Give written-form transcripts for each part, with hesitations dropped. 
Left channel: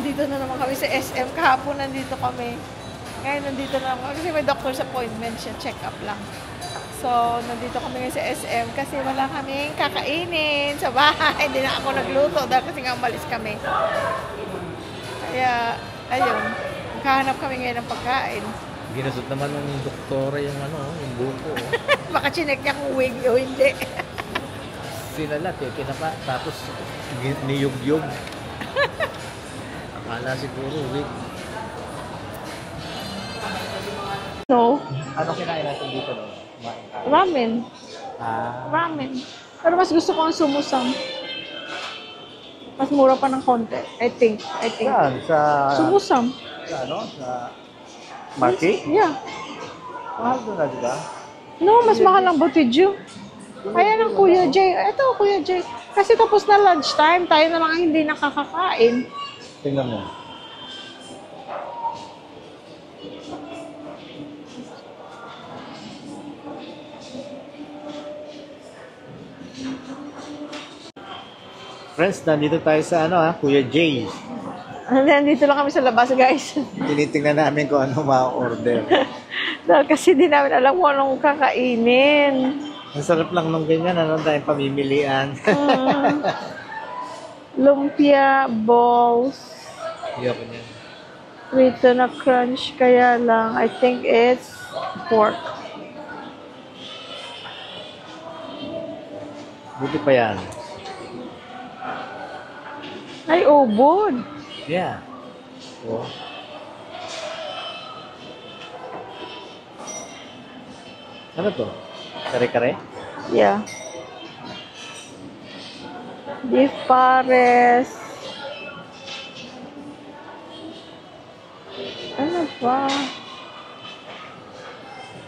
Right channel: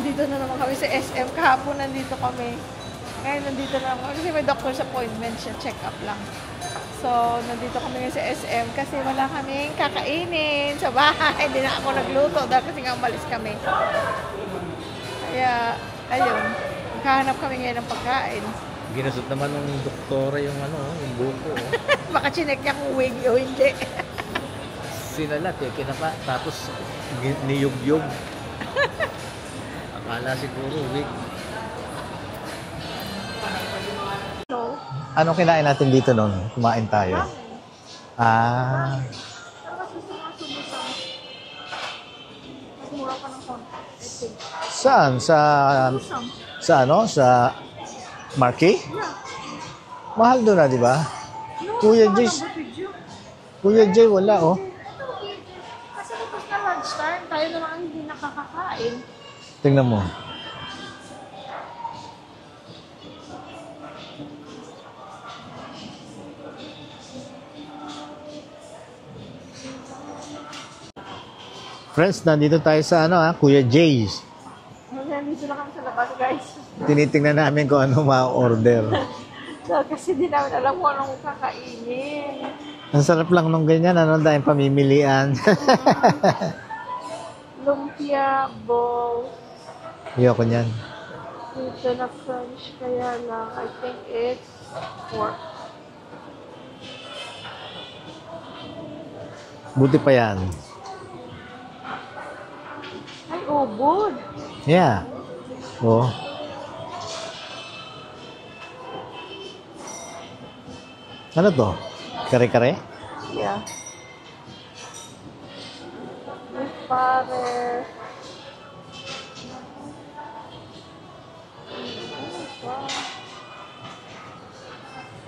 nandito na naman kami sa SM. Kahapon nandito kami. Ngayon nandito na naman kasi may doctor's appointment siya. Check-up lang. So, nandito kami ngayon sa SM kasi wala kaming kakainin sa bahay. Hindi na ako nagluto dahil kasi nga umalis kami. Kaya, ayun. Magkahanap kami ngayon ng pagkain. Ginasot naman ng doktora yung yung buko. Baka chinek niya kung wig o hindi. Sinalat kinapa. Tapos niyug-yug. Akala siguro wig. No. Anong kinain natin dito noon? Kumain tayo. Ramen. Ramen. Pero mas gusto ko ang sumusam. Mas mura pa ng konti. I think. Saan? Sa... Sumusam. Sa Sa... Marquee? Yeah. Mahal doon na, di ba? No, mas mahal ang Butidyo. Kuya Jay, wala Kuya Jay. Ito, Kuya Jay. Kasi tapos na lunchtime, tayo na mga hindi nakakakain. Tingnan mo. Friends, nandito tayo sa Kuya Jay's. Nandito lang kami sa labas, guys. Tinitingnan namin kung ano ma-order. So, kasi di namin alam kung anong kakainin. Ang sarap lang nung ganyan, tayong pamimilian. Lumpia, balls. Ayoko niyan. Rito na crunch, kaya lang, I think it's pork. Buti pa yan. Ay, ubod. Yeah. Oh. Ano to? Kare-kare? Yeah. Beef pares. Ano ba?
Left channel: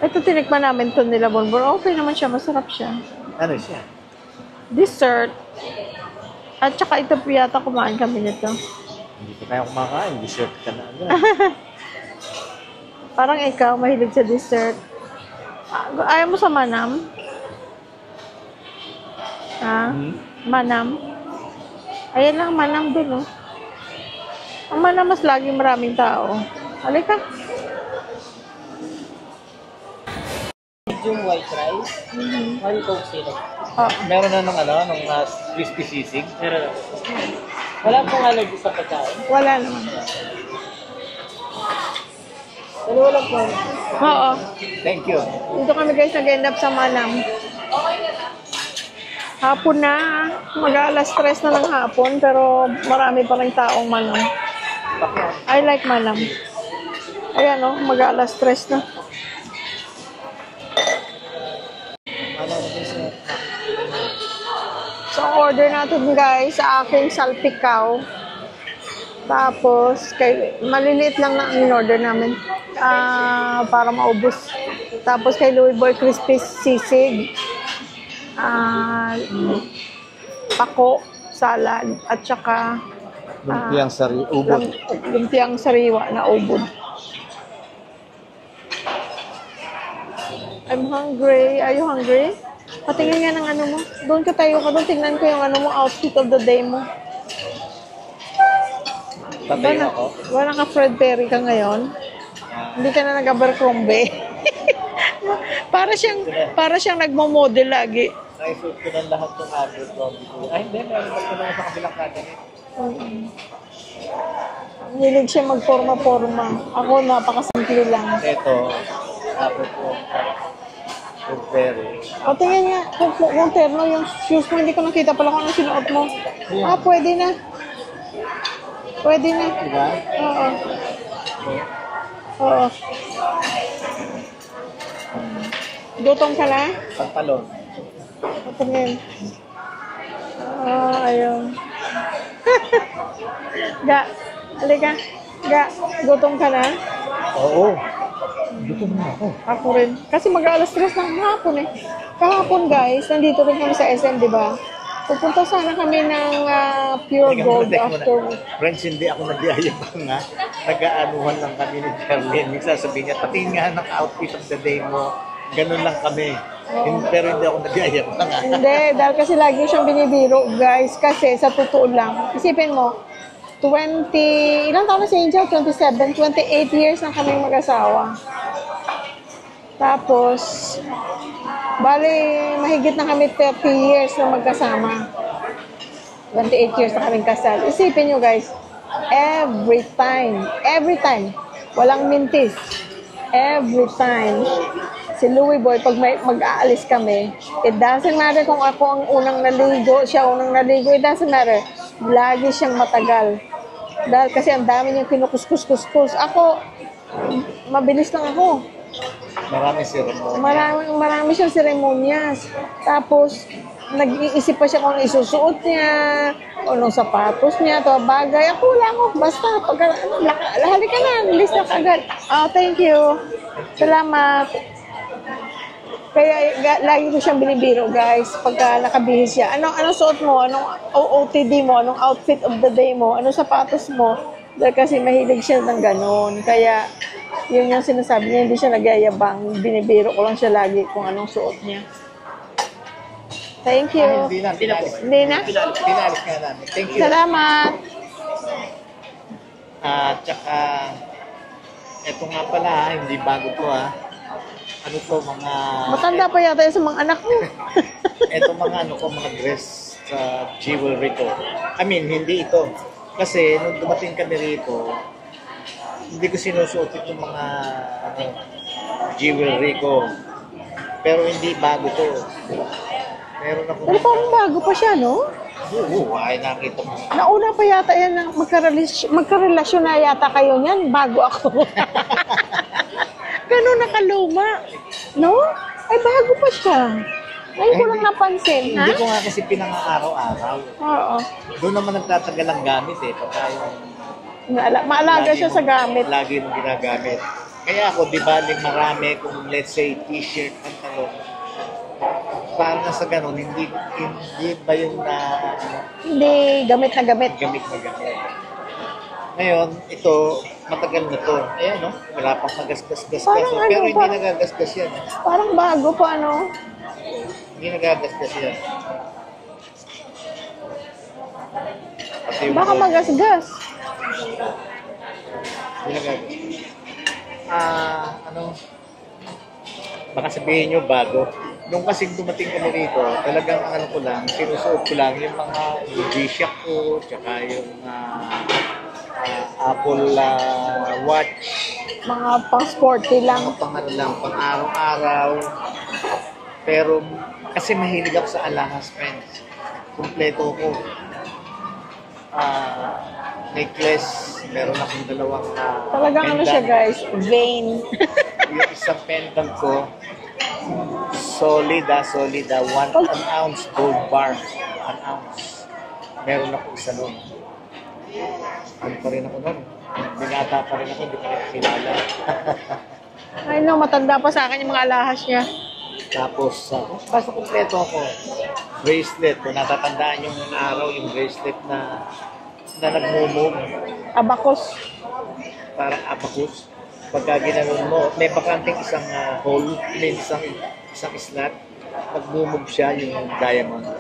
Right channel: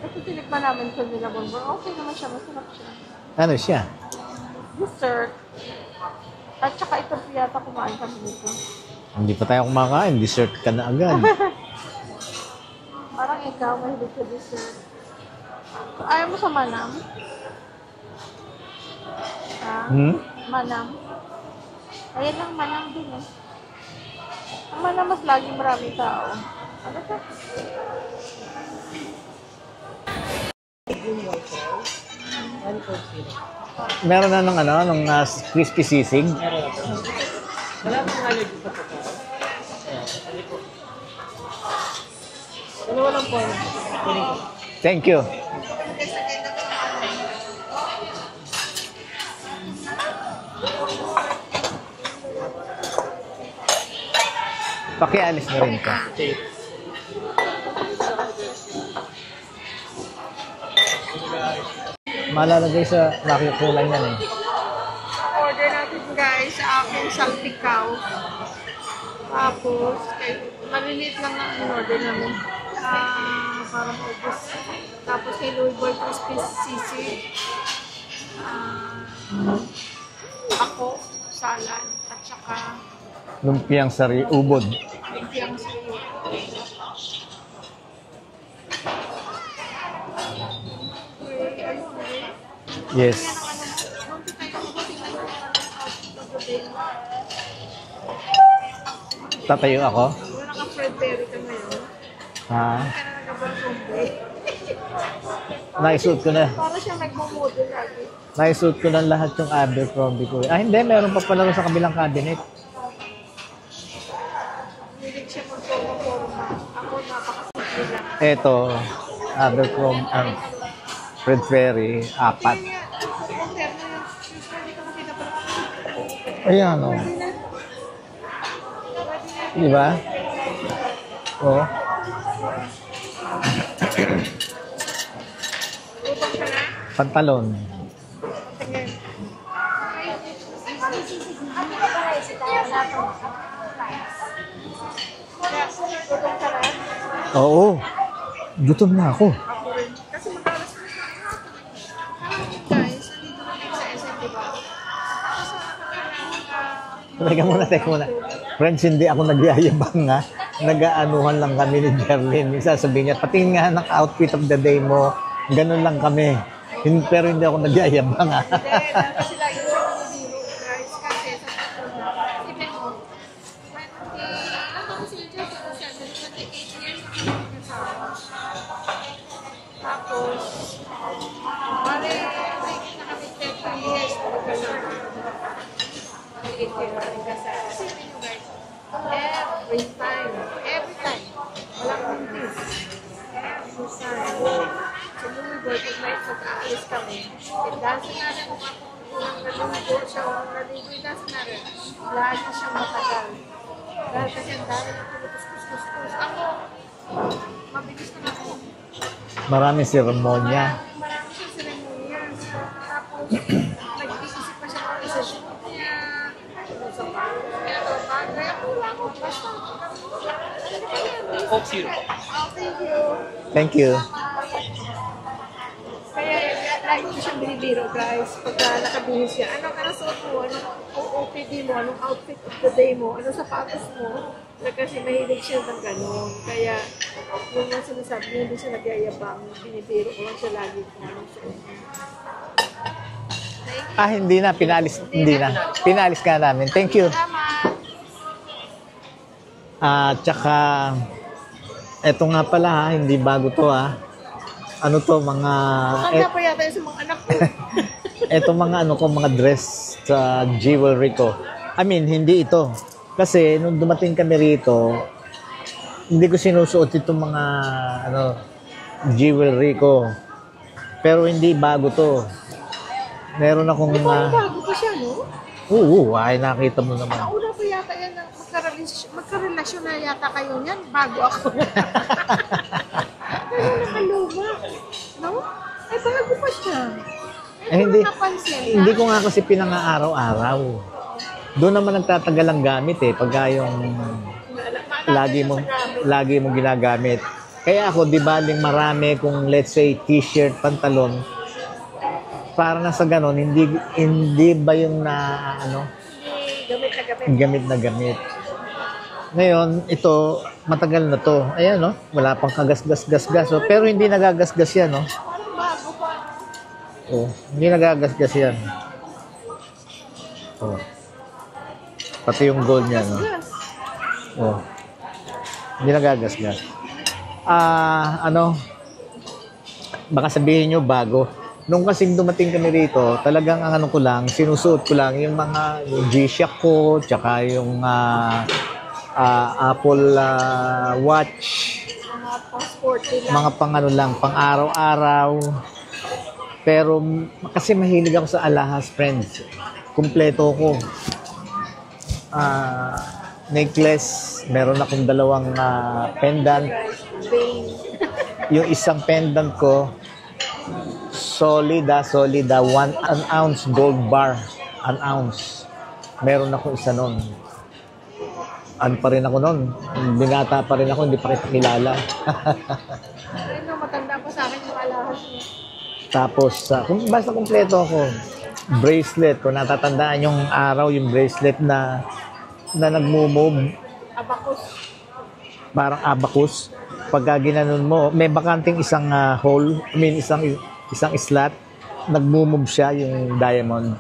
Ito, tinikman namin ito nila, Bonbon. Okay naman siya. Masarap siya. Ano siya? Dessert. At saka ito po yata kumain kami nito. Hindi pa tayo kumakain. Dessert ka na agad. Parang ikaw, mahilig sa dessert. Ayaw mo sa manam? Ha? Manam? Ayan lang, manam dun, oh. Ang manam mas lagi maraming tao. Halika. Medium white rice, 1 Coke Zero. Meron na ng crispy sisig. Meron na po. Wala pong allergy sa pagkain. Wala naman. Dalawa lang po. Oo. Thank you. Dito kami guys nag-end up sa manam. Hapon na. Mag-alas 3 na ng hapon, pero marami pa rin taong manam. Pakialis. I like manam. Ayan o, mag-alas 3 na. Malalagay sa nakukulan yan. So, order natin guys sa aking salpikaw. Tapos, maliliit lang na ang in-order namin. Para maubos. Tapos kay Louie Boy crispy sisig. Pako, salad, at saka Lumpiang ubod. lumpiang sariwa na ubod. I'm hungry. Are you hungry? Patingin nga ng ano mo. Doon ka tayo ka doon. Tingnan ko yung outfit of the day mo. Tatayo ako? Wala ka Fred Perry ka ngayon. Hindi ka na nag-Abercrombie. para siyang nagmo-model lagi. Naisuot ko lang lahat yung Abercrombie ko. Hindi. Meron pa pala sa kabilang cabinet. Hilig siya magporma-porma. Ako, napakasimple lang. Ito, Abercrombie. Fred Perry, 4. Tingnan nga, yung terno, yung shoes mo, hindi ko nakita pala kung ano sinuot mo. Ayan. Pwede na. Pwede na. Di ba? Oo. Oo. Oo. Gutom ka na? Pantalon. Tingnan. Ayun. Ga, halika. Ga, gutom ka na? Oo. Gutom na ako. Ako rin. Kasi mag-alas 3 ng hapon eh. Kahapon guys, nandito rin kami sa SM, di ba? Pupunta sana kami ng Pure Gold after. Friends, hindi ako nag-iayabang nga. Nag-aanuhan lang kami ni Jermaine. Nagsasabihin niya, pati nga ng outfit of the day mo, ganun lang kami. Pero hindi ako nag-iayabang nga. Hindi, dahil kasi lagi siyang binibiro guys. Kasi sa totoo lang, isipin mo, ilang taon na si Angel? 27, 28 years na kami mag-asawa. Tapos, bali, mahigit na kami 30 years na magkasama. 28 years na kaming kasal. Isipin nyo guys, every time, walang mintis. Every time. Si Louie Boy, pag mag-aalis kami, it doesn't matter kung ako ang unang naligo, siya unang naligo, it doesn't matter. Lagi siyang matagal. Dahil kasi ang dami niyang kinukuskus-kuskus. Ako, mabilis lang ako. Maraming seremonya. Marami siyang seremonyas. Tapos, nag-iisip pa siya kung ano isusuot niya, o anong sapatos niya, ito bagay. Ako wala ako. Basta, halika na, list na agad. Oh, thank you. Thank you. Salamat. Kaya lagi ko siyang binibiro, guys, pagka nakabihis siya. Anong suot mo? Anong OOTD mo? Anong outfit of the day mo? Anong sapatos mo? Dahil kasi mahilig siya ng ganon. Kaya, yun yung sinasabi niya, hindi siya nagyayabang. Binibiro ko lang siya lagi kung anong suot niya. Thank you. Hindi na. Pinalis. Hindi na. Pinalis ka namin. Thank you. Salamat. Tsaka, eto nga pala ha, hindi bago to ha. Ano to, mga... Matanda pa yata yun sa mga anak mo. Eto mga ano ko, mga dress sa jewelry ko. I mean, hindi ito. Kasi nung dumating kami rito, hindi ko sinusuot itong mga ano, jewelry ko. Pero hindi bago to. Meron akong Pero mga... parang bago pa siya, no? Oo, ay nakita mo naman. Nauna pa yata yan na magkarelasyon na yata kayo niyan bago ako. Ganun nakaluma. No? Ay, bago pa siya. Ay, hindi ko napansin, ha? Hindi ko nga kasi pinang-araw-araw. Oo. Doon naman nagtatagal ang gamit eh. Pagka yung... Maalaga siya sa gamit. Lagi mong ginagamit. Kaya ako, di ba, marami kung let's say t-shirt, pantalon, parang sa ganon, hindi ba yung na, ano? Hindi, gamit na gamit. Gamit na gamit. Ngayon, ito, matagal na to. Ayan, no? Wala pang kagasgas-gasgas. Parang Pero ano hindi pa? nagagasgas yan, no? Parang bago pa, no? Oh, hindi nagagasgas yan. Oh. Pati yung Baka gold niya, no? magasgas. Oh. Hindi nagagasgas. Ano? Baka sabihin nyo, bago. Nung kasing dumating kami rito, talagang ang ano ko lang, sinusuot ko lang yung mga yung G-Shock ko, tsaka yung Apple Watch, Mga pang-sporty lang. mga pang ano lang, pang araw-araw. Pero kasi mahilig ako sa alahas, friends. Kumpleto ko. Necklace, meron akong dalawang Talagang ano siya, pendant. guys? Vain. Yung isang pendant ko, solid, an ounce gold bar. An ounce. Meron ako isa nun. Ano pa rin ako nun? Binata pa rin ako, hindi pa kita kilala. I know, matanda pa sa akin yung mga alahas niya. Tapos, basta kumpleto ako. Bracelet, kung natatandaan yung araw, yung bracelet na nagmo-move, Abacus. parang abacus. Pagka ginanon mo, may bakanting isang hole, I mean isang slot, nagmo-move siya yung diamond.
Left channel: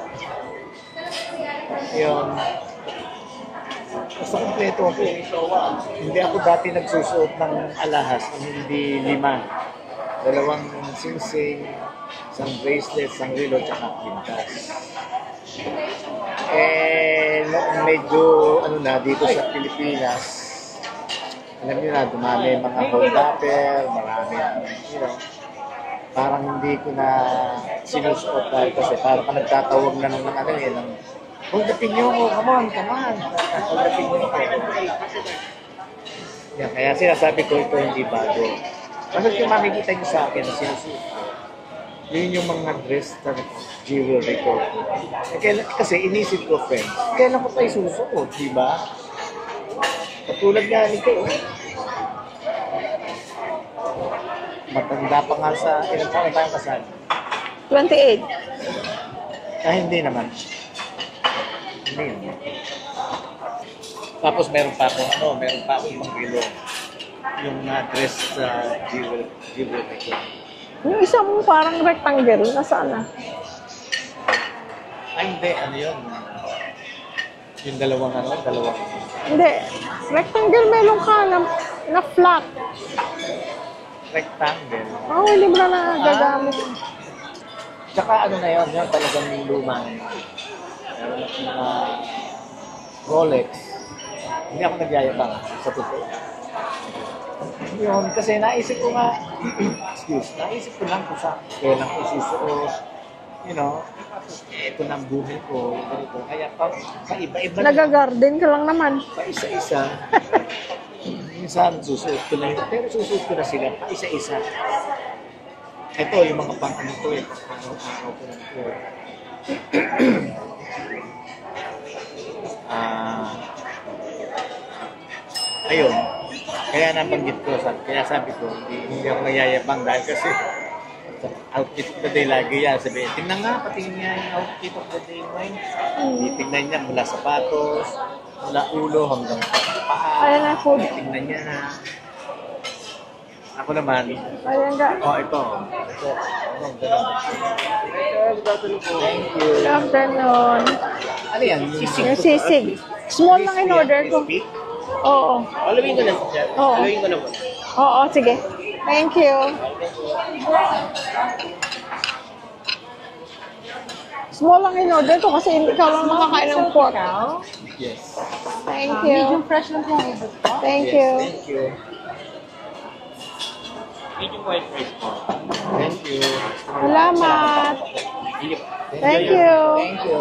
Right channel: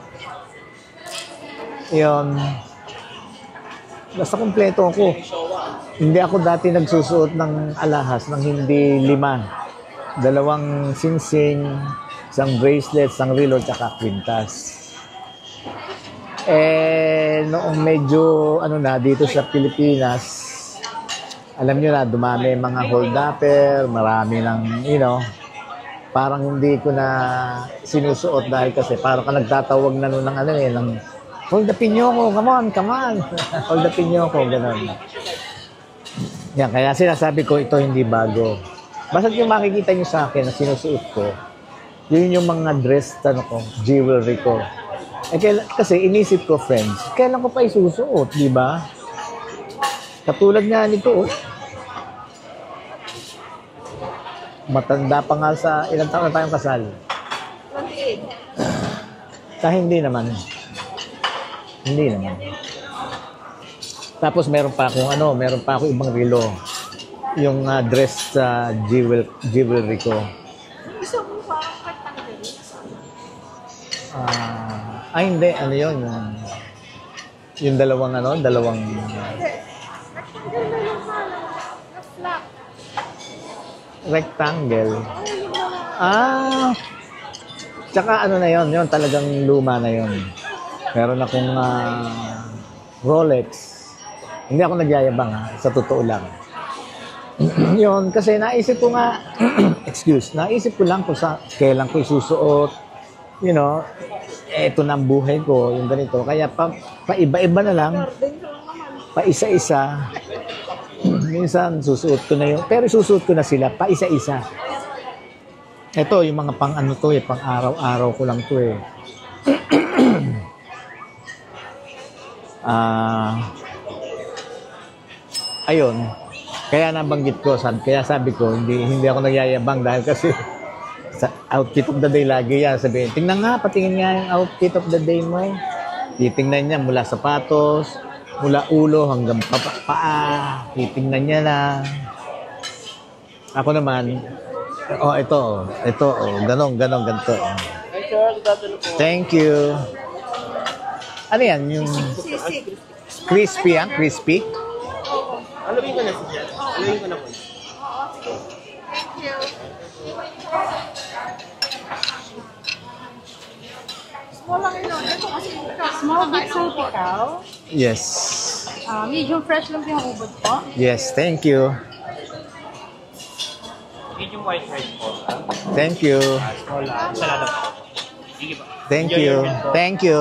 Yun. Basta kumpleto ako. Hindi ako dati nagsusuot ng alahas ng hindi 5. 2 singsing, isang bracelet, isang relo, tsaka kwintas. Noong medyo dito sa Pilipinas, alam niyo na, dumami mga hold-upper, marami ng, parang hindi ko na sinusuot dahil kasi parang ka nagtatawag na nun ng hold-upin niyo ko, come on, hold-upin niyo ko, gano'n. Yan, kaya sinasabi ko, ito hindi bago. Basta yung makikita niyo sa akin na sinusuot ko, yun yung mga dress, jewelry ko. Kasi inisip ko, friends, kailan ko pa isusuot, di ba? Katulad nga nito, matanda pa nga sa, ilang taon na tayong kasal? 28. Hindi naman. Tapos meron pa ako ibang relo. Yung dress sa jewelry ko. Yung isa mong parang rectangle, nasaan na? Hindi, yun. Yung dalawang Hindi. Rectangle melon ka na flat. Rectangle. Oo, libre na gagamit. Tsaka ano na yun talagang luma na yun. Meron akong Rolex. Hindi ako nagyayabang sa totoo lang. Yun, kasi naisip ko nga, naisip ko lang kung kailan ko isusuot. You know, eto na ang buhay ko, yung ganito. Kaya pa-iba-iba na lang. Nag-garden ka lang naman. Pa-isa-isa. Minsan, susuot ko na yun. Pero susuot ko na sila, pa-isa-isa. Ito, yung mga pang-ano to pang araw-araw ko lang to ayun. Kaya nabanggit ko, kaya sabi ko, hindi ako nagyayabang dahil kasi sa outfit of the day lagi yan. Sabihin, tingnan nga, patingin nga yung outfit of the day mo Titingnan niya mula sapatos, mula ulo hanggang paa. Titingnan niya na. Ako naman, ito, ganito. Thank you. Afternoon. Ano yan? Yung sisig. Small crispy, lang in order crispy? Oo. Aluin ko na siya. Aluin ko na po. Oo, sige. Thank you. Small lang in order to kasi hindi ka lang makakain ng pork. Yes. Thank you. Medium fresh lang po ang ubod po. Thank you. Yes, thank you. Medium white rice po. Thank you. Salamat. Thank Thank you. you. Thank you.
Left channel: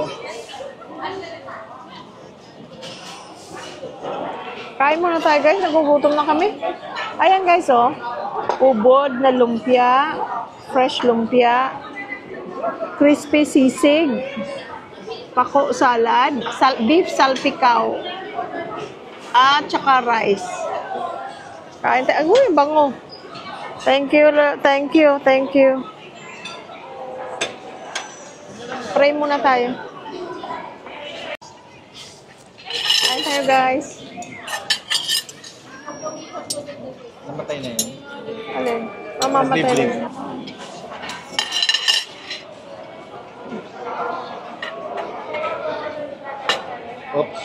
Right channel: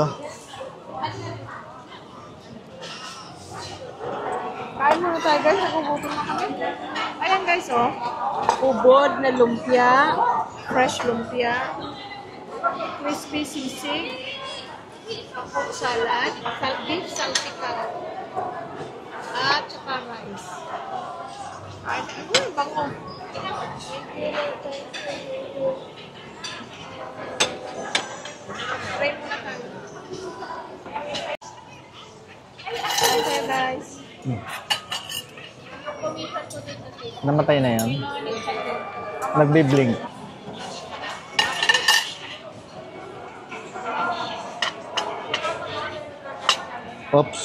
Kain muna tayo guys, nagugutom na kami. Ayan guys ubod na lumpia, fresh lumpia, crispy sisig, pako salad, beef salpikaw, at saka rice. Kain tayo. Uy, bango. Thank you. Pray muna tayo. Kain tayo guys. Namatay na yan. Alin? Nagbibling. Oops.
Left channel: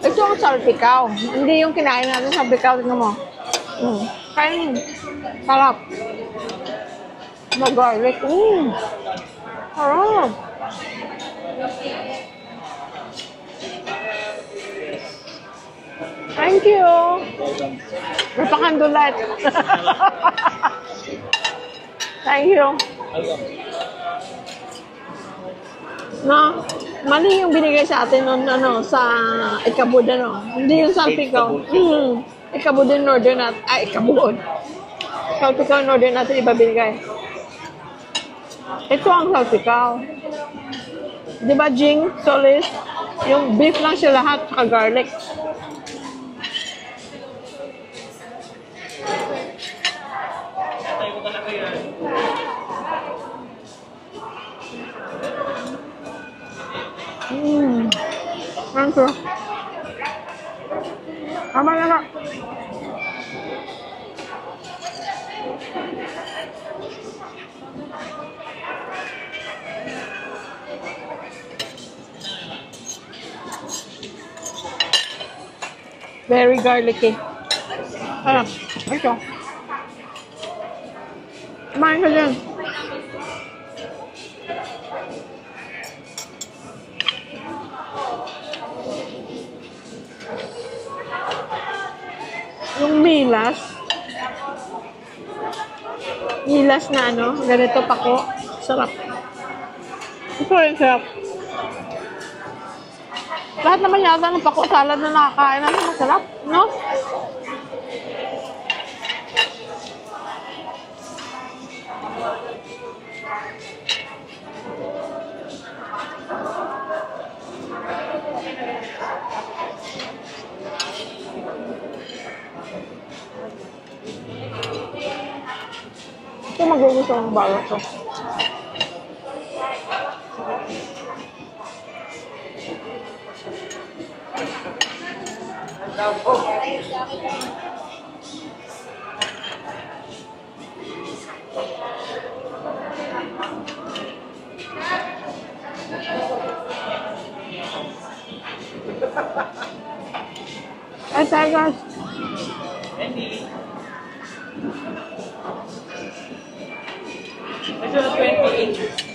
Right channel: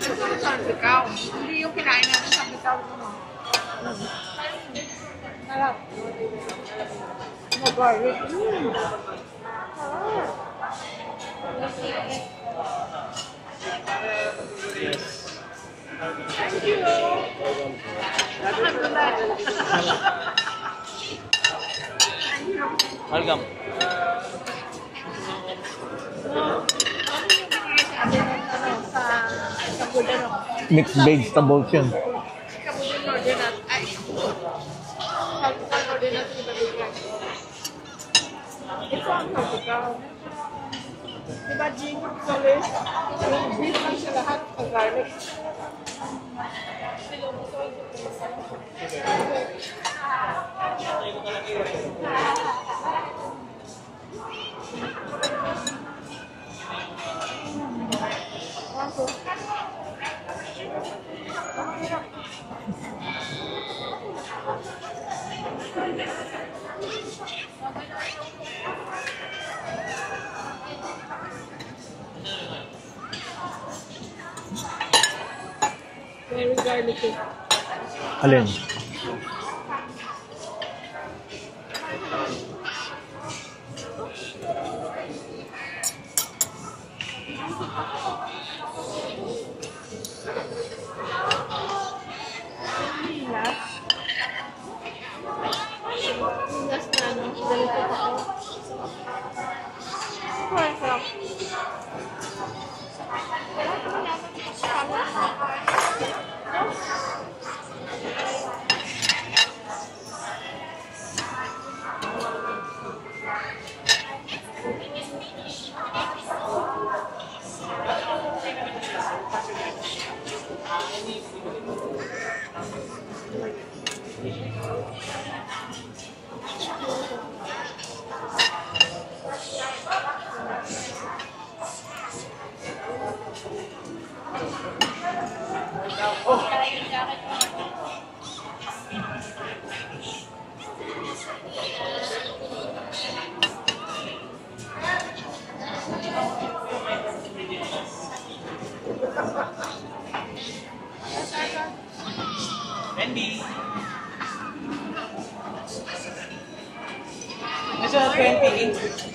Ito ang salpikaw. Hindi yung kinain natin salpikaw. Tignan mo. Kain. Sarap. Mag-garlic. Sarap. Thank you. Napakandulat. Thank you. Welcome. No, mali yung binigay sa atin noon sa Ikabud Hindi yung Mixed salpikaw. vegetable. Ikabud in order natin. Ikabud. Salpikaw in order natin iba binigay. Ito ang salpikaw. Di ba, Jing? Solis? Yung beef lang siya lahat, saka garlic. Thank you. Tama na na. Very garlicky. Alin? Ito. Kumain ka dyan. Yung milas na ganito pako. Sarap. Ito rin sarap. Lahat naman yata ng pako salad na nakakain natin, masarap, no? Ito magugusto ng bala to. Ay, tayo guys. Ready? This is 28.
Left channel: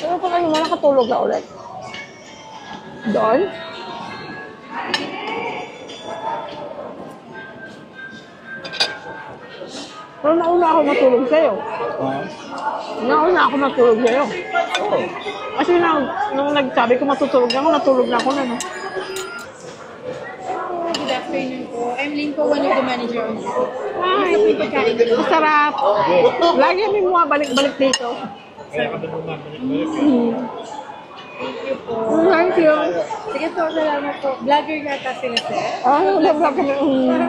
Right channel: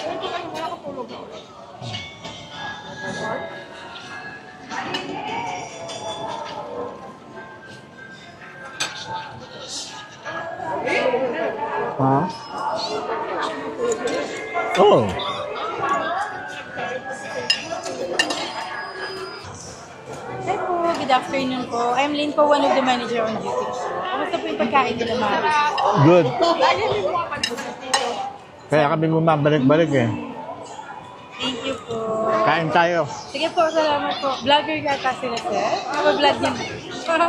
Ano pa kayo mo nakatulog na ulit? Doon? Pero nauna ako matulog sa'yo. Ha? Nauna ako matulog sa'yo. Oo. Kasi nung nagsabi ko matutulog ako, natulog na ako na. No? Good afternoon po. I'm Lynn po, one of the manager on duty. Ito po yung pagkain ko naman. Masarap. Good. Lagi may mga balik-balik dito. Kaya kami bumabalik-balik eh. Thank you po. Thank Kain you. tayo. Sige po, salamat po. Vlogger ka kasi na, sir. Ah, Vlog niyo. vlogger.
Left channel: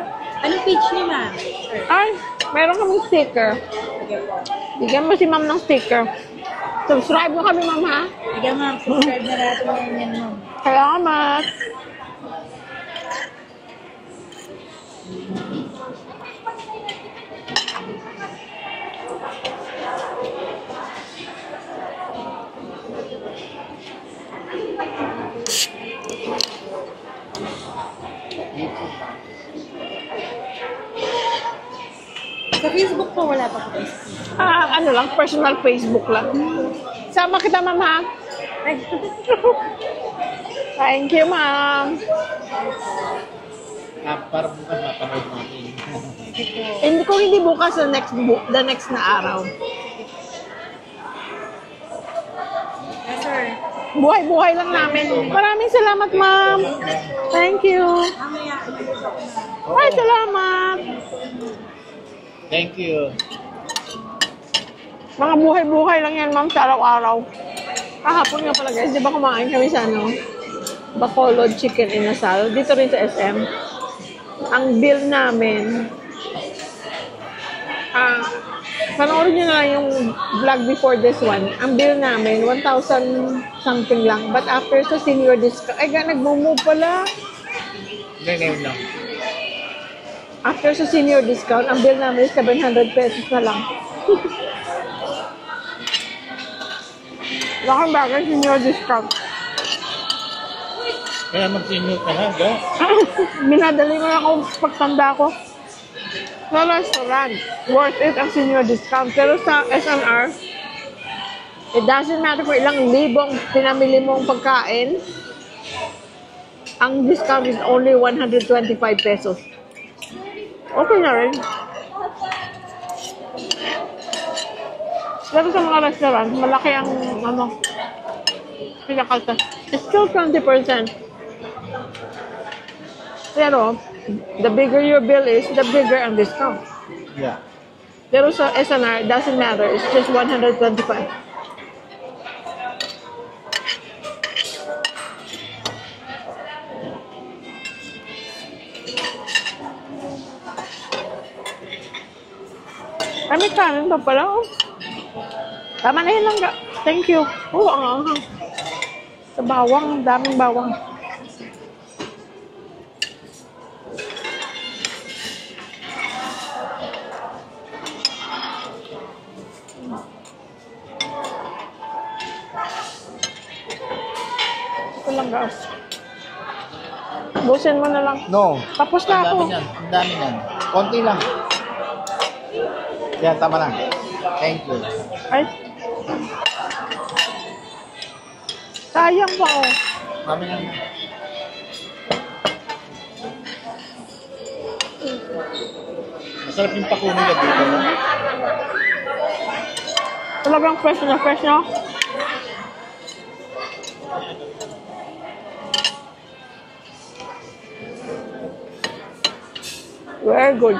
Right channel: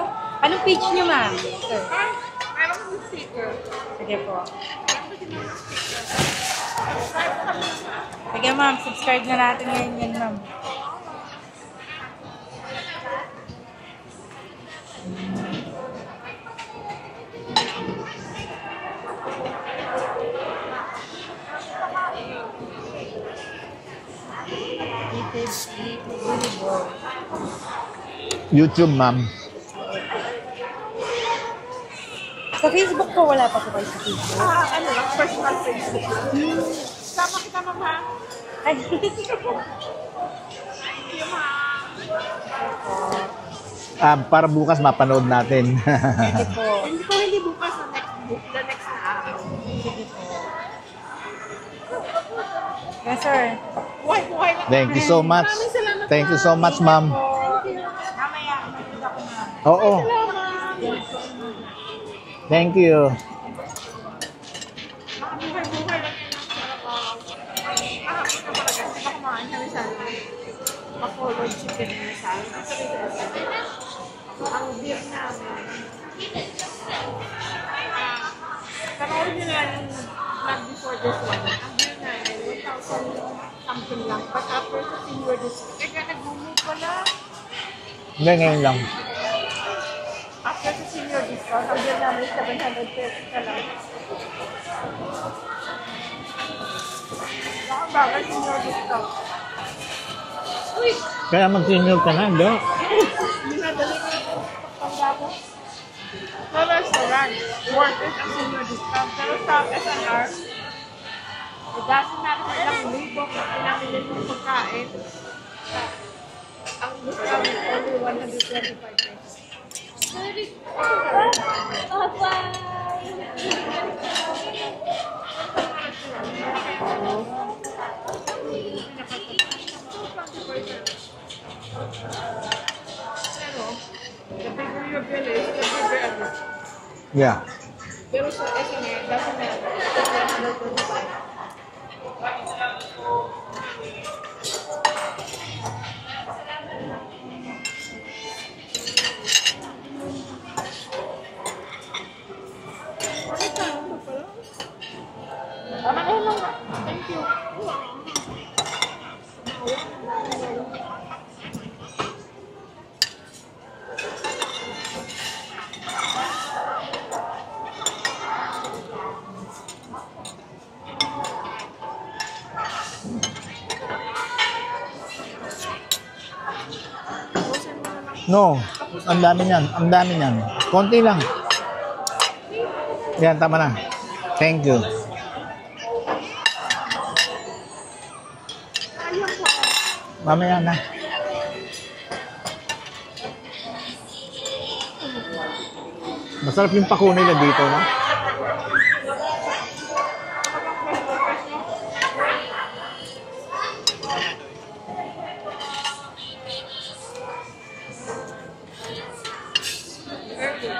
Anong page niyo, ma'am? Sir. Ay, meron kami sticker. Sige po. Bigyan mo si ma'am ng sticker. Subscribe mo kami, ma'am, ha? Sige, ma'am. Subscribe na natin ngayon yan, ma'am. Salamat. YouTube, ma'am. Sa Facebook po, wala pa po kayo sa Facebook. Ano lang, personal Facebook lang. Sama kita, ma'am, ha? Ay, Thank you, ma'am. Para bukas mapanood natin. Hindi ko hindi bukas the next na araw. yes, sir. Buhay-buhay lang Thank namin. you so much. Maraming salamat, Thank ma'am. you so much, ma'am. Thank you. Mamaya, mag-usap ko na. Oo. Ay, salamat. Thank you. Mga buhay-buhay lang yan, ma'am, sa araw-araw. Kahapon nga pala, guys. Di ba kumain kami sa Bacolod Chicken Inasal? Dito rin sa SM. Ang bill namin, panoorin nyo na lang yung vlog before this one. Ang bill namin, 1,000 something lang. But after sa senior discount, ay, nag-move pala. Hindi, ngayon lang. After sa senior discount, ang bill namin is 700 pesos na lang. Laking bagay senior discount. Kaya mag-senior ka na, di ba? Binadali mo ako pagtanda ko. Sa restaurant, worth it ang senior discount. Pero sa SNR, it doesn't matter kung ilang libong pinamili mong pagkain, ang discount is only 125 pesos. Okay na rin. Pero sa mga restaurant, malaki ang pinakaltas. It's still 20%. Pero, the bigger your bill is, the bigger ang discount. Yeah. Pero sa SNR, it doesn't matter. It's just 125. Ay, may kanin pa pala, oh. Tama na yun lang. Thank you. Oh, ang anghang. Sa bawang, daming bawang. Ito lang, guys. Busin mo na lang. No. Tapos na Ang dami ako. niyan. Ang dami niyan. Konti lang. Yan, tama na. Thank you. Ay. Sayang pa, oh. Mamaya na. Masarap yung pako nila dito, no? Talagang fresh na fresh, no? Very good.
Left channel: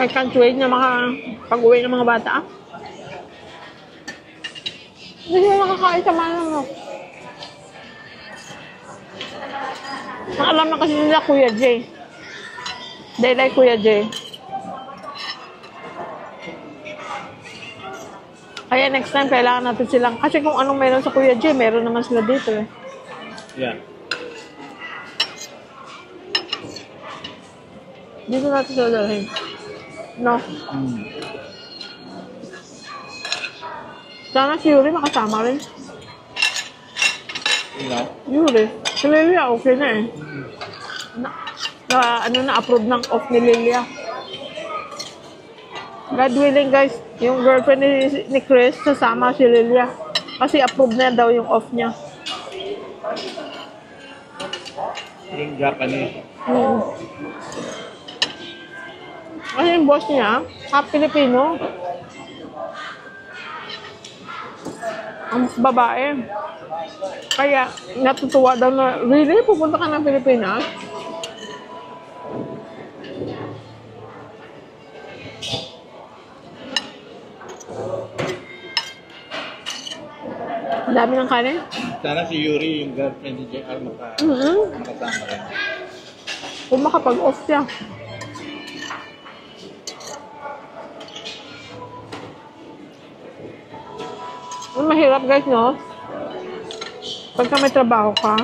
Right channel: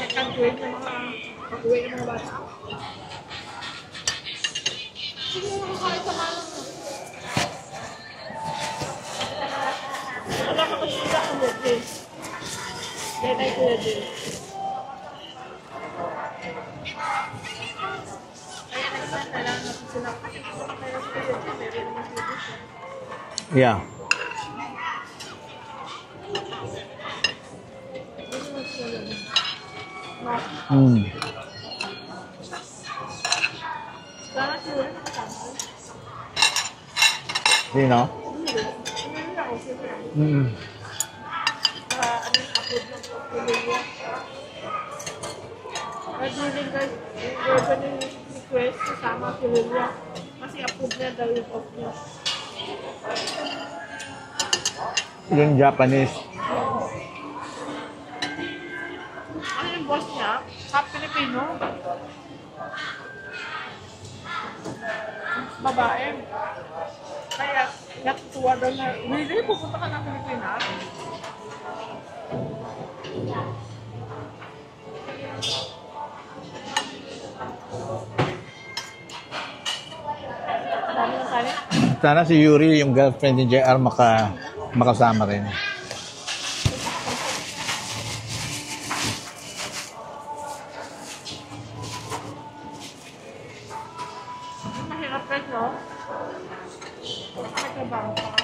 I can't wait na pag-uwi ng mga bata. Nakakain sa manok. Alam na kasi nila Kuya Jay. They like Kuya Jay. Kaya next time, kailangan natin silang... Kasi kung anong meron sa Kuya Jay, meron naman sila dito eh. Yeah. Dito natin sila dalhin. No? Mm. Sana si Yuri makasama rin. Sino? Yuri. Si Lilia, okay na eh. Mm. Na-approve ng off ni Lilia. God willing guys, yung girlfriend ni Chris, sasama si Lilia. Kasi approve na daw yung off niya. Yung Japanese. Kasi yung boss niya, half Filipino. Ang babae. Kaya natutuwa daw na, really? Pupunta ka ng Pilipinas? Ang dami ng kanin. Sana si Yuri, yung girlfriend ni JR, makasama rin. Kung makapag-off siya. Ang mahirap guys, no? Pagka may trabaho ka,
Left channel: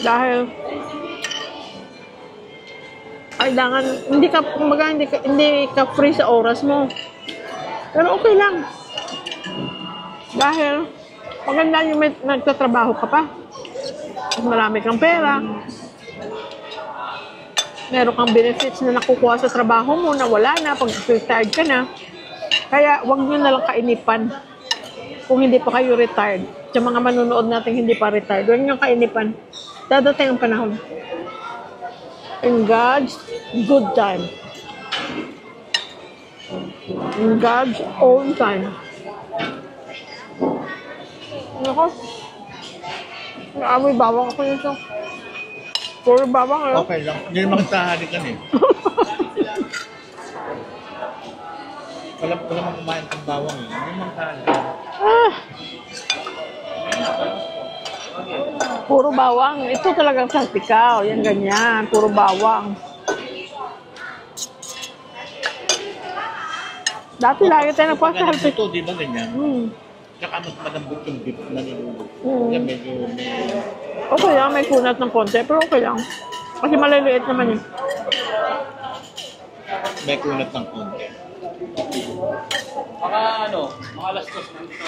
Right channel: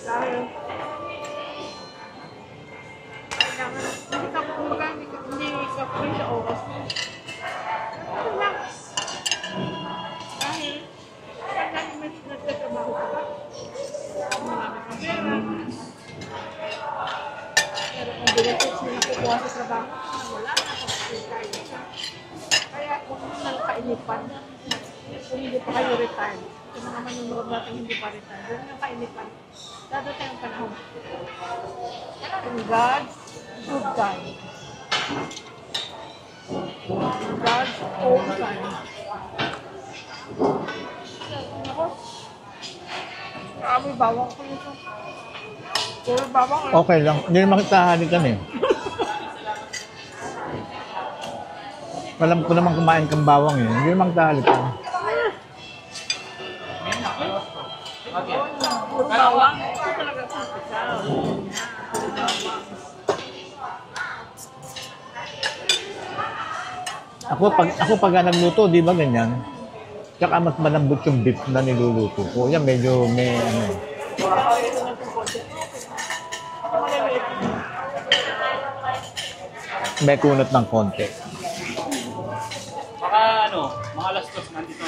dahil kailangan, hindi ka free sa oras mo. Pero okay lang. Dahil maganda yung nagtatrabaho ka pa. Marami kang pera. Meron kang benefits na nakukuha sa trabaho mo na wala na pag retired ka na. Kaya wag nyo na lang kainipan kung hindi pa kayo retired. Sa mga manunood natin hindi pa retired, huwag nyo kainipan. Dadating ang panahon. In God's good time. In God's own time. Nako. Naamoy bawang ako nito. Puro bawang eh. Okay lang. Hindi naman tahalikan eh. Alam ko naman kumain kang bawang eh. Hindi naman tahalikan. Puro bawang. Ito talagang saltikaw. Yan ganyan. Puro bawang. Dati lagi tayo pag nagpapalapit. nagluto, di ba ganyan? Tsaka mas malambot yung beef na niluluto. Kanya medyo may ano. Okay lang, may kunat ng konti. Pero okay lang. Kasi maliliit naman eh. May kunat ng konti. Mga alas 2 nandito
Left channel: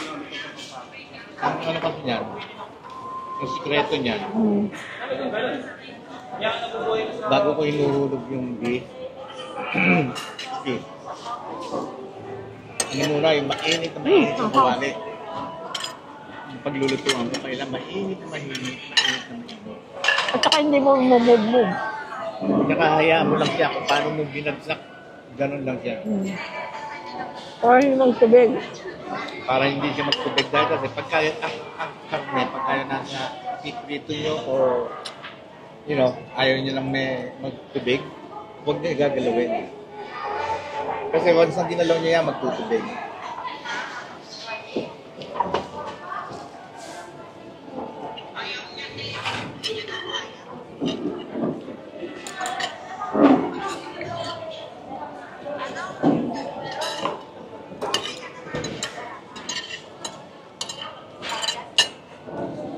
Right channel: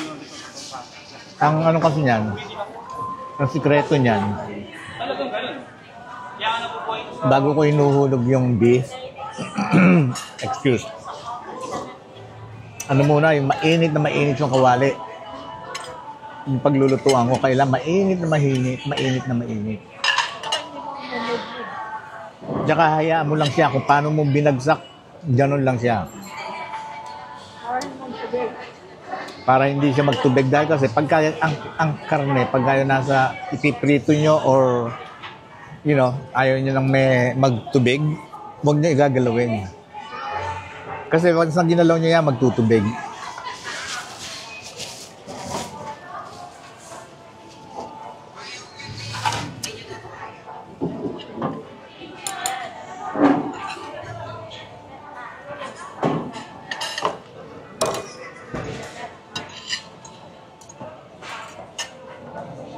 Ang ano kasi niyan, ang sikreto niyan, bago ko hinuhulog yung beef, excuse, ano muna, yung mainit na kawali. Yung paglulutuan ko, kailangan mainit na mainit. At saka hindi mo move. Tsaka hayaan mo lang siya kung paano mo binagsak, gano'n lang siya. Or hindi magtubig. Para hindi siya magtubig dahil kasi pagka ang karne, pagka nasa ipiprito nyo or you know, ayaw nyo lang may magtubig, huwag nyo igagalawin. Kasi once na ginalaw nyo yan, magtutubig.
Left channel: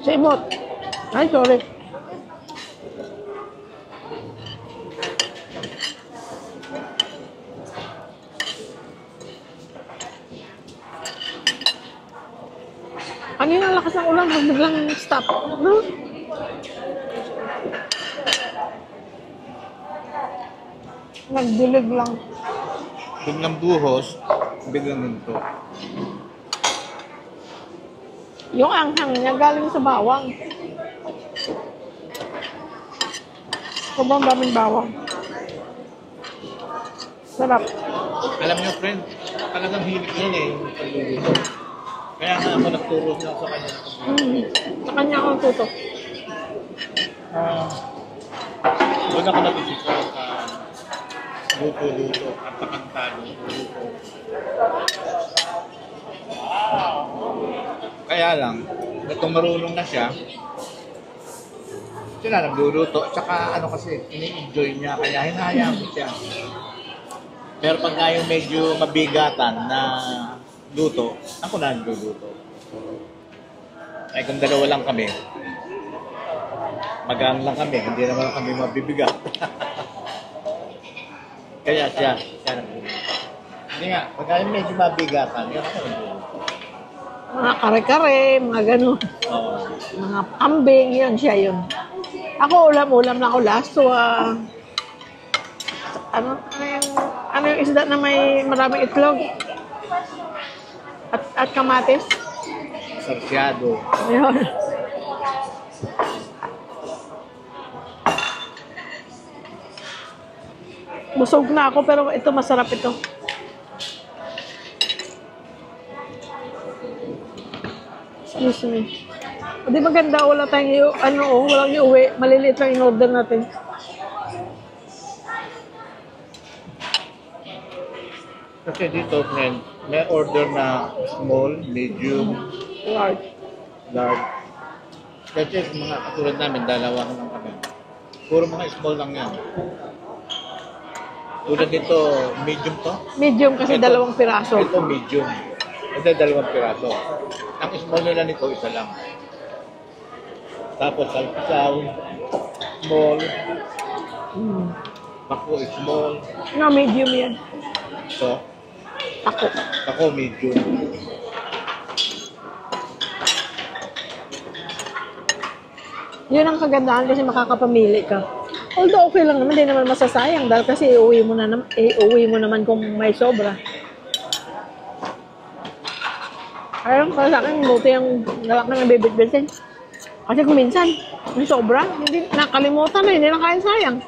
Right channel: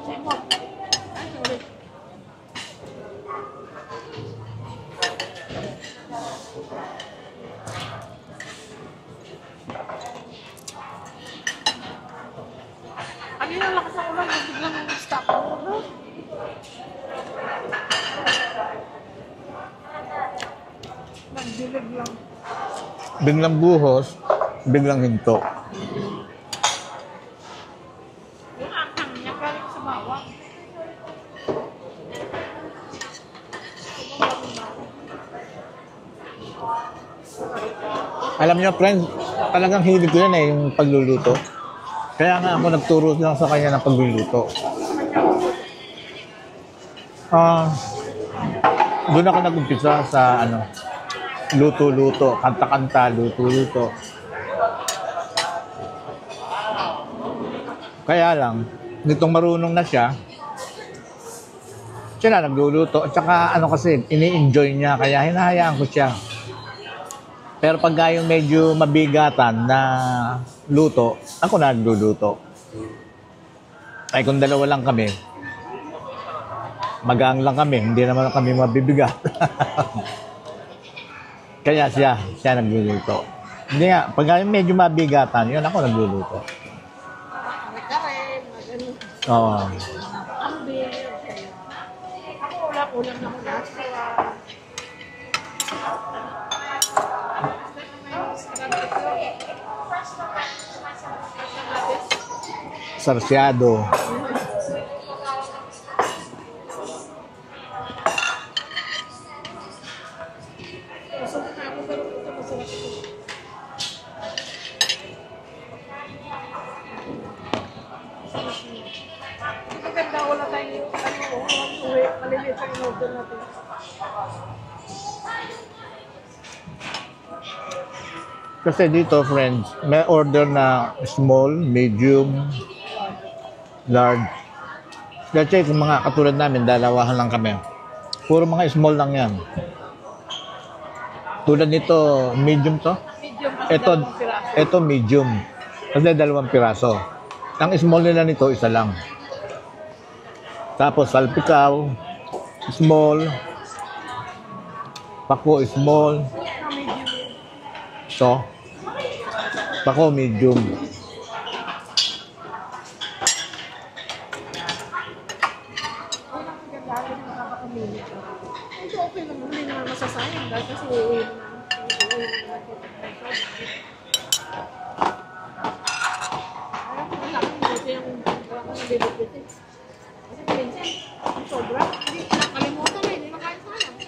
Simot. Ay, sorry. Kanina lakas ng ulan, biglang stop. No? Nagdilig lang. Biglang buhos, biglang hinto. Yung anghang niya galing sa bawang. Sobrang daming bawang. Sarap. Alam niyo, friend, talagang hilig ko yan eh, yung pagluluto. Kaya nga ako nagturo lang sa kanya ng pagluluto. Sa kanya ako tuto. Doon ako nag-umpisa sa ano, luto-luto, kanta-kanta, luto-luto. Kaya lang, nitong marunong na siya na nagluluto. At saka ano kasi, ini-enjoy niya. Kaya hinahayaan ko siya. Pero pag yung medyo mabigatan na luto, ako na nagluluto. Ay kung dalawa lang kami, magaan lang kami, hindi naman kami mabibigat. Kaya siya nagluluto. Hindi nga, pag medyo mabigatan, yun ako nagluluto. Mga kare-kare, mga gano'n. Oo. Mga kambing, yun siya yun. Ako, ulam na ako last. So, ano yung isda na may maraming itlog? At kamatis? Sarsyado. Ayun. Busog na ako, pero ito masarap ito. Excuse me. Di maganda, wala tayong walang iuwi. Maliliit lang yung order natin. Kasi dito, friends, may order na small, medium, large. Kasi kung mga katulad namin, dalawahan lang kami. Puro mga small lang yan. Tulad nito, medium to? Medium kasi dalawang piraso. Ito medium. Kasi dalawang piraso. Ang small nila nito, isa lang. Tapos salpikaw, small. Pako, small. No, medium yan. So, Ako. pako, medium. Yun ang kagandahan kasi makakapamili ka. Although okay lang naman, hindi naman masasayang dahil kasi uuwi mo naman kung may sobra. Ayun, para sa akin, buti yung galak na nabibit-bitin. Kasi kung minsan, may sobra, hindi nakalimutan na, hindi na kaya sayang.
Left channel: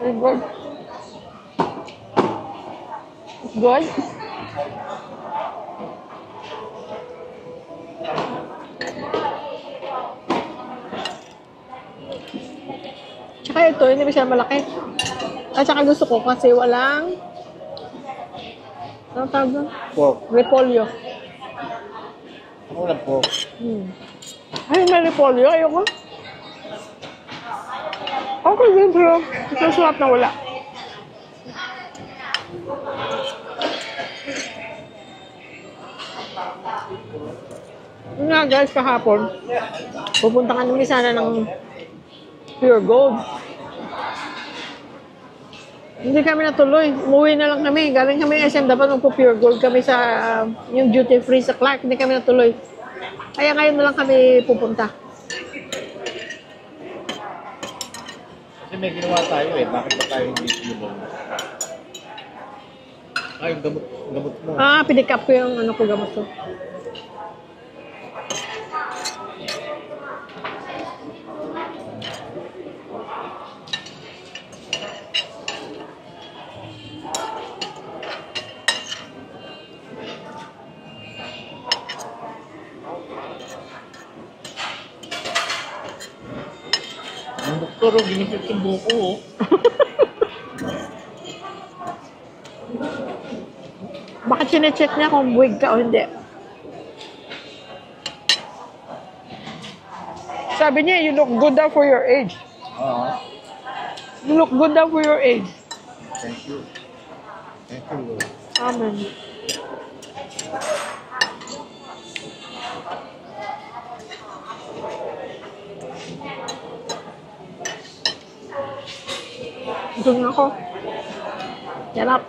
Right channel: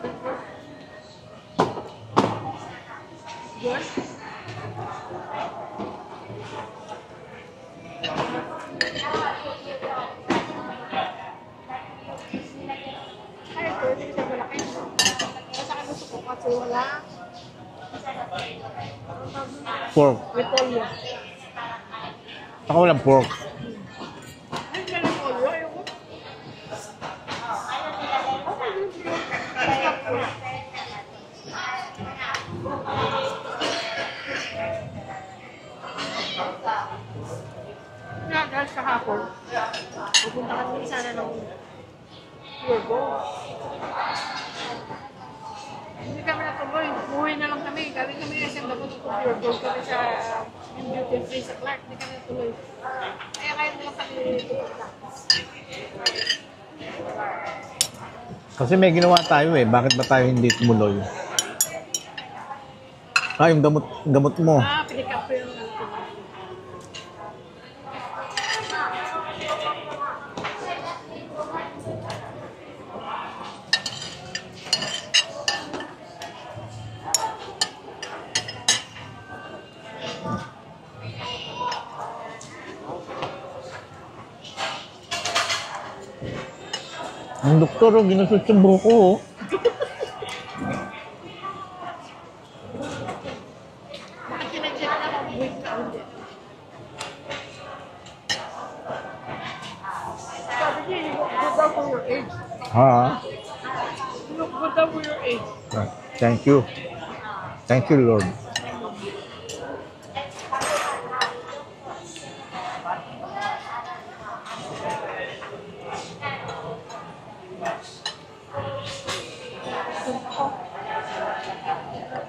Good. Good. Tsaka ito, hindi ba siya malaki? At saka gusto ko kasi walang ano tawag doon? Pork. Repolyo. Saka walang pork. Ay, may repolyo. Ayoko. Okay din, pero ito sulat na wala. Yun nga guys, kahapon, pupunta kami sana ng Pure Gold. Hindi kami natuloy. Umuwi na lang kami. Galing kami SM, dapat magpo-Pure Gold kami sa yung duty free sa Clark. Hindi kami natuloy. Kaya ngayon na lang kami pupunta. Kasi may ginawa tayo eh. Bakit ba tayo hindi tumuloy? Yung gamot mo. Pinick up ko yung ano ko gamot ko. Ang doktor, ang ginasot yung buko. Oh. Bakit sinecheck niya kung buwig ka o hindi? Sabi niya, you look good daw for your age. Ha? You look good daw for your age. Thank you. Thank you, Lord. Amen. Gusto ako. Sarap.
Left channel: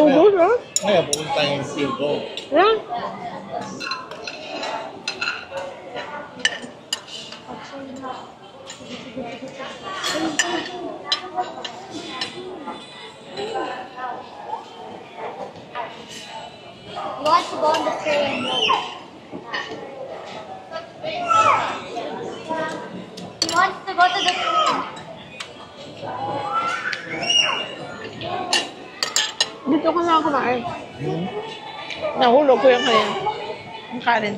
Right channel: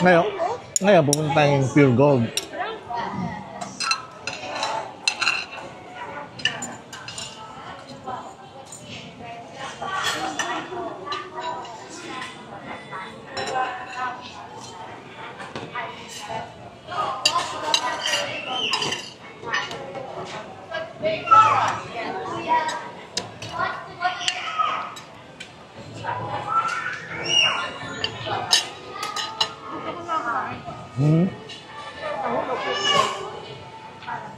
Ngayon, Oo, ngayon pupunta tayong Pure Gold. yeah. Wants to go on the train. He wants to go to the train. Dito ko na kumain. Nahulog ko yung kanin. Yung kanin.